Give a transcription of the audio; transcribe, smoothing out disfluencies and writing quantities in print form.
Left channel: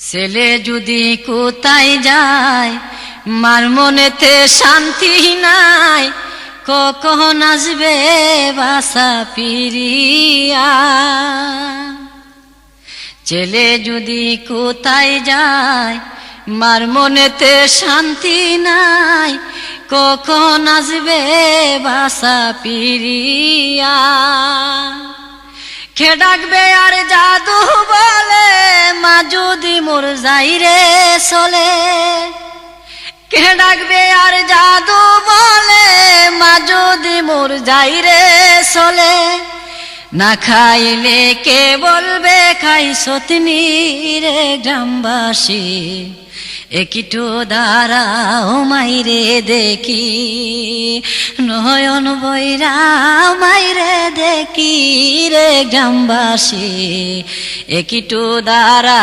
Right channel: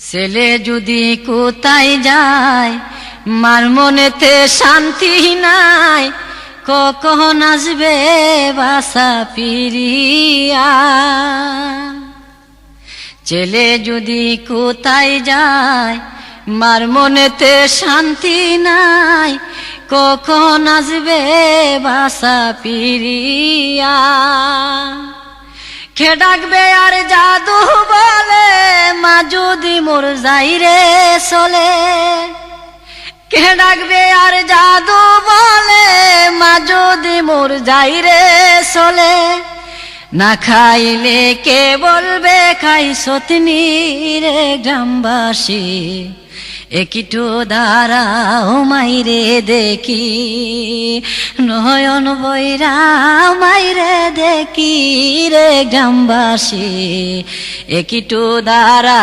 ছেলে যদি কোথায় যায় মার মনেতে শান্তি নাই, কখন আসবে বাসা ফিরিয়া। ছেলে যদি কোথায় যায় মার মনেতে শান্তি নাই, কখন আসবে বাসা ফিরিয়া। খে ডাকবে আর জাদু বলে মা যদি মোর যাই রে চলে। কে ডাকবে আর জাদু বলে মা যদি মোর যাই রে চলে। না খাইলে কে বলবে খাই সতনি রে গ্রামবাসী, একটু দাঁড়াও মাইরে দেখি, নয়ন বৈরা মাইরে দেখি রে গ্রামবাসী, একটু দাঁড়া।